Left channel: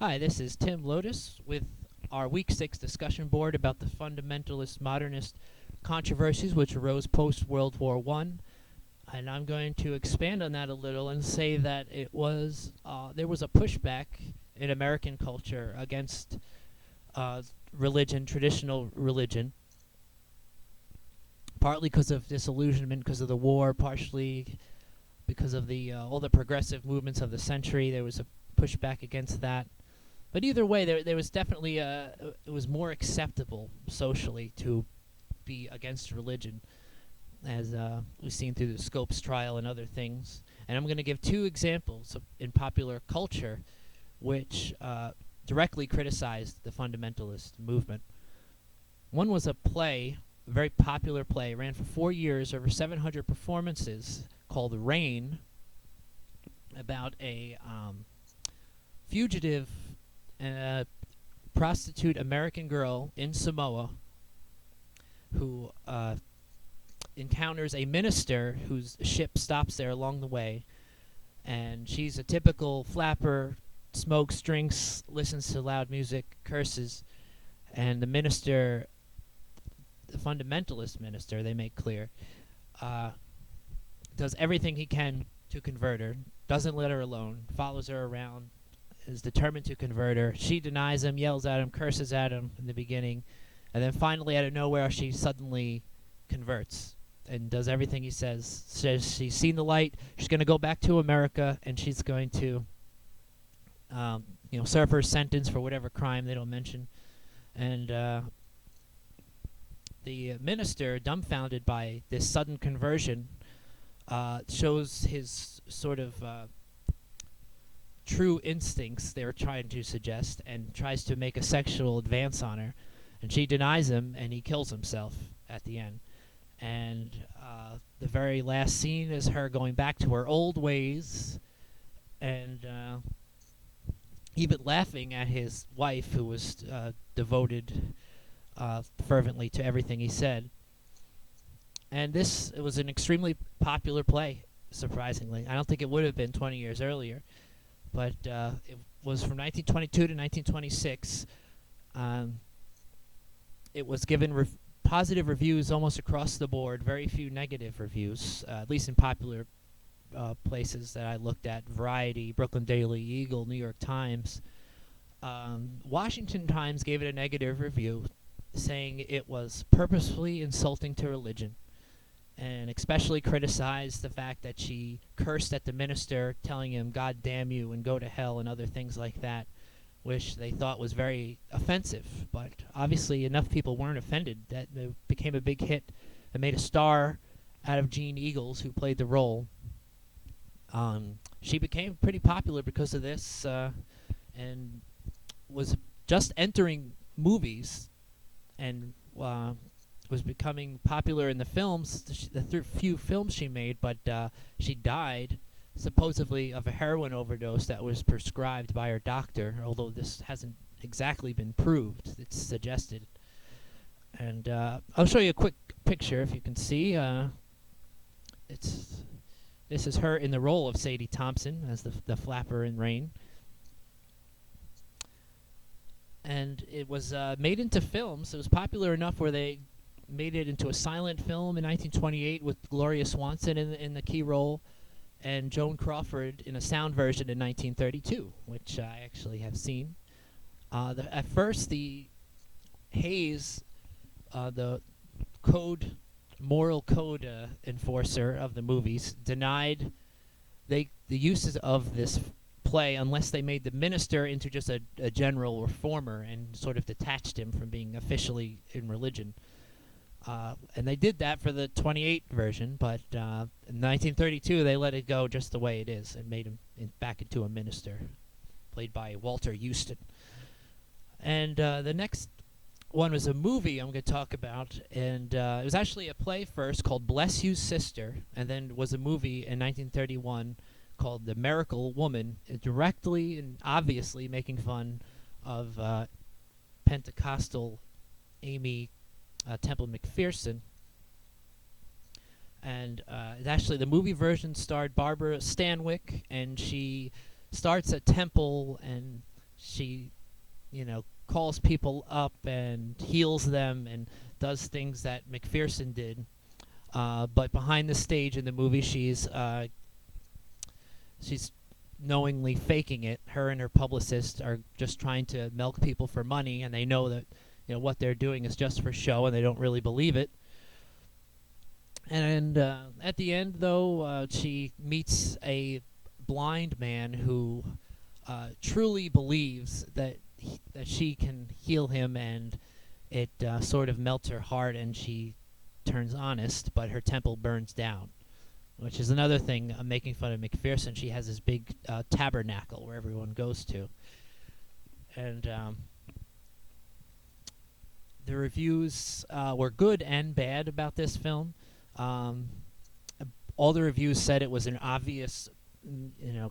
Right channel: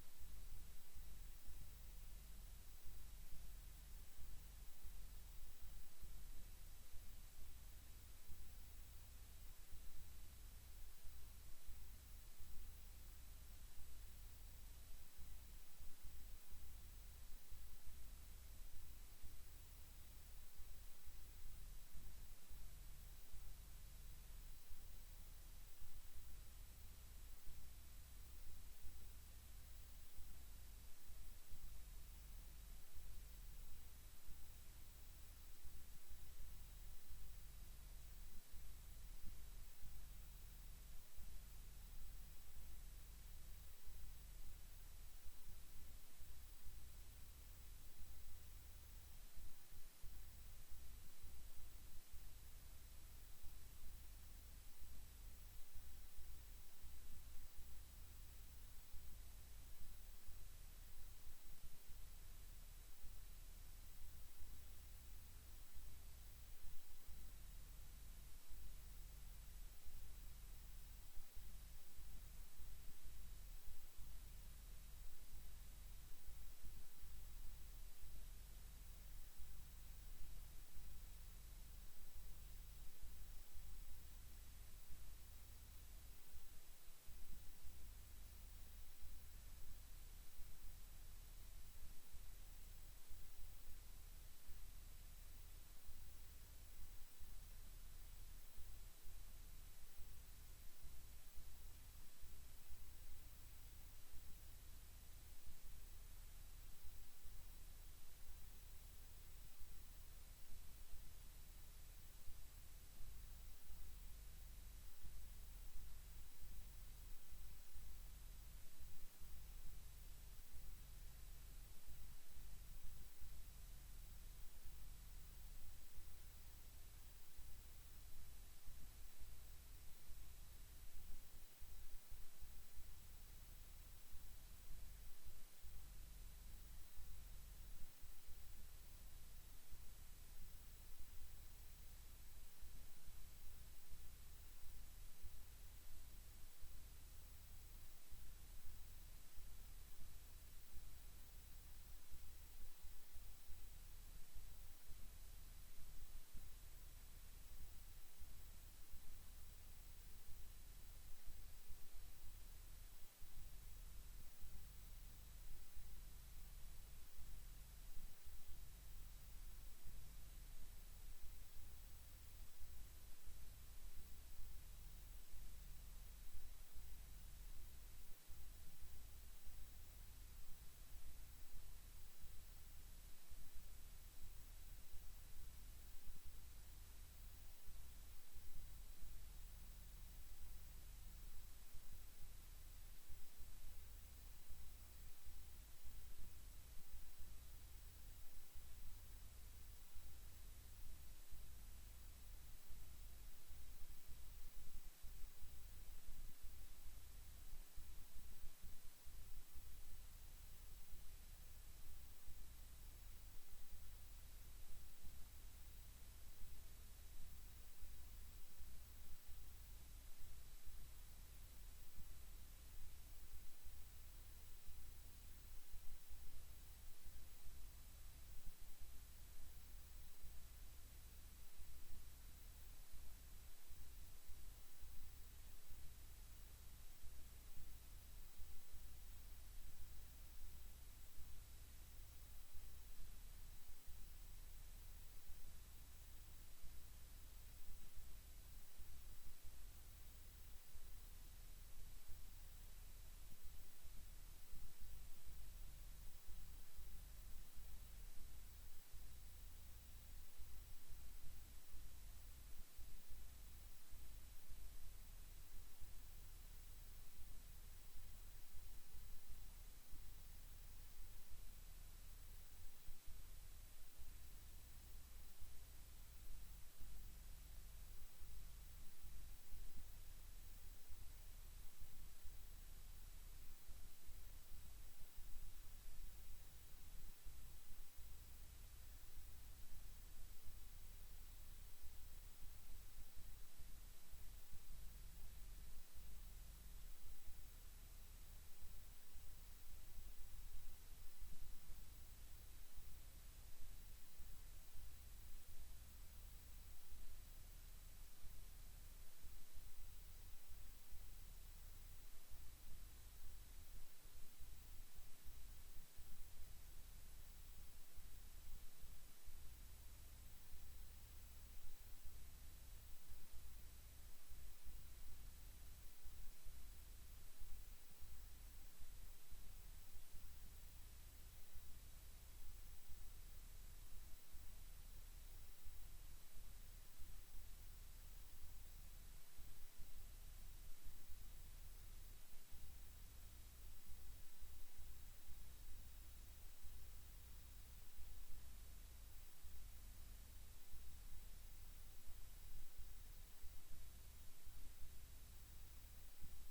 Hi, this is Tim Lotus with our Week 6 discussion board about the fundamentalist modernist controversies which arose post World War I. And I'm going to expand on that a little and say that there was a pushback in American culture against religion, traditional religion, partly because of disillusionment, because of the war, partially because of the all the progressive movements of the century. There was a pushback against that. But either way, there was definitely it was more acceptable socially to be against religion, as we've seen through the Scopes trial and other things. And I'm going to give two examples in popular culture which directly criticized the fundamentalist movement. One was a play, a very popular play, ran for 4 years, over 700 performances, called Rain, about a fugitive prostitute American girl in Samoa who encounters a minister whose ship stops there along the way, and she's a typical flapper, smokes, drinks, listens to loud music, curses, and the minister, the fundamentalist minister, they make clear, does everything he can to convert her, doesn't let her alone, follows her around, is determined to convert her. She denies him, yells at him, curses at him in the beginning, and then finally, out of nowhere, she suddenly converts and does everything he says. Says she's seen the light. She's going to go back to America, and she's going to, serve her sentence for whatever crime they don't mention. And the minister, dumbfounded by this sudden conversion, shows his sort of true instincts they were trying to suggest, and tries to make a sexual advance on her, and she denies him, and he kills himself at the end. And the very last scene is her going back to her old ways, and even laughing at his wife, who was devoted fervently to everything he said. And it was an extremely popular play, surprisingly. I don't think it would have been 20 years earlier, but it was from 1922 to 1926. It was given positive reviews almost across the board, very few negative reviews, at least in popular places that I looked at: Variety, Brooklyn Daily Eagle, New York Times. Washington Times gave it a negative review, saying it was purposefully insulting to religion, and especially criticized the fact that she cursed at the minister, telling him, "God damn you," and "go to hell," and other things like that, which they thought was very offensive. But obviously enough people weren't offended that it became a big hit. It made a star out of Jeanne Eagles, who played the role. She became pretty popular because of this, and was just entering movies, and was becoming popular in the films, the few films she made, but she died supposedly of a heroin overdose that was prescribed by her doctor, although this hasn't exactly been proved. It's suggested. And I'll show you a quick picture if you can see. This is her in the role of Sadie Thompson as the flapper in Rain. And it was made into films. It was popular enough where they made it into a silent film in 1928 with Gloria Swanson in the key role, and Joan Crawford in a sound version in 1932, which I actually have seen. At first, the Hayes, the moral code enforcer of the movies, denied the uses of this play unless they made the minister into just a general reformer and sort of detached him from being officially in religion. And they did that for the 28 version, but in 1932 they let it go just the way it is and made him back into a minister, played by Walter Houston. And the next one was a movie I'm going to talk about, and it was actually a play first called Bless You Sister, and then was a movie in 1931 called The Miracle Woman, directly and obviously making fun of Pentecostal Amy Temple McPherson. And actually the movie version starred Barbara Stanwyck, and she starts at temple and she, calls people up and heals them and does things that McPherson did. But behind the stage in the movie, she's knowingly faking it. Her and her publicist are just trying to milk people for money, and they know that what they're doing is just for show, and they don't really believe it. And at the end, though, she meets a blind man who truly believes that she can heal him, and it sort of melts her heart, and she turns honest, but her temple burns down, which is another thing making fun of McPherson. She has this big tabernacle where everyone goes to. And the reviews were good and bad about this film. Um, all the reviews said it was an obvious,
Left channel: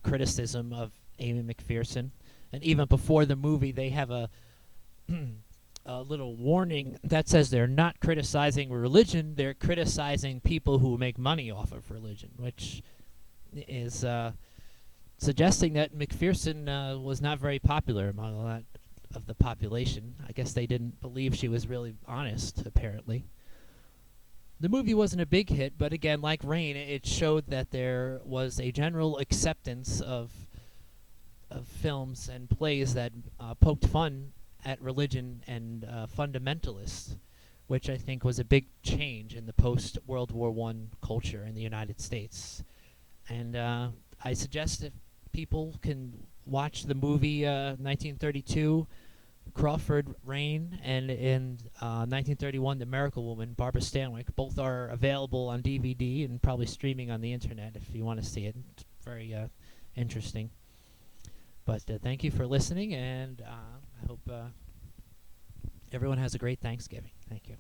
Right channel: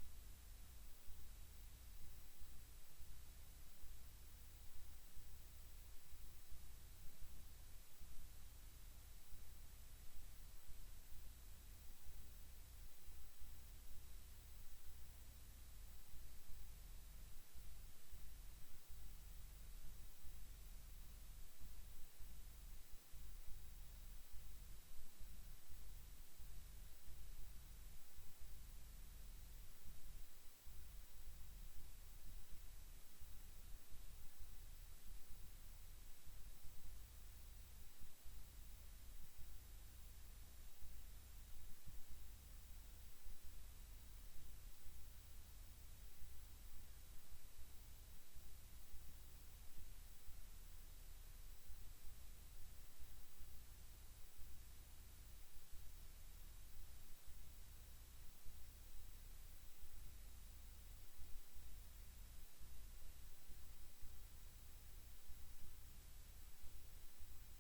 criticism of Amy McPherson. And even before the movie, they have a a little warning that says they're not criticizing religion, they're criticizing people who make money off of religion, which is suggesting that McPherson was not very popular among a lot of the population. I guess they didn't believe she was really honest, apparently. The movie wasn't a big hit, but again, like Rain, it showed that there was a general acceptance of films and plays that poked fun at religion and fundamentalists, which I think was a big change in the post-World War I culture in the United States. And I suggest if people can watch the movie 1932, Crawford, Rain, and in 1931, The Miracle Woman, Barbara Stanwyck. Both are available on DVD and probably streaming on the internet if you want to see it. It's very interesting. But thank you for listening, and I hope everyone has a great Thanksgiving. Thank you.